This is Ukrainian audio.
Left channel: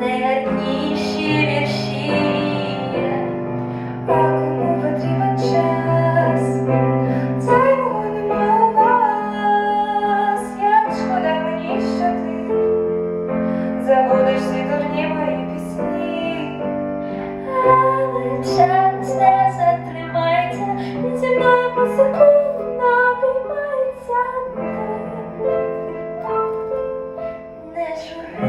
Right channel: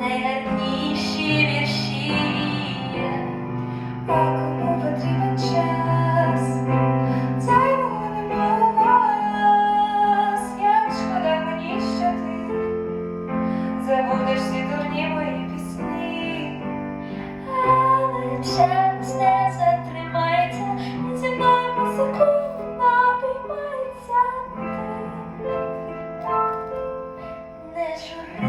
найгарніші вірші, кому потрібен час, цього вас, як шкода мені, що ти? Забудеш дурні мої пісні, але час не зі мною по секунду. Не жури.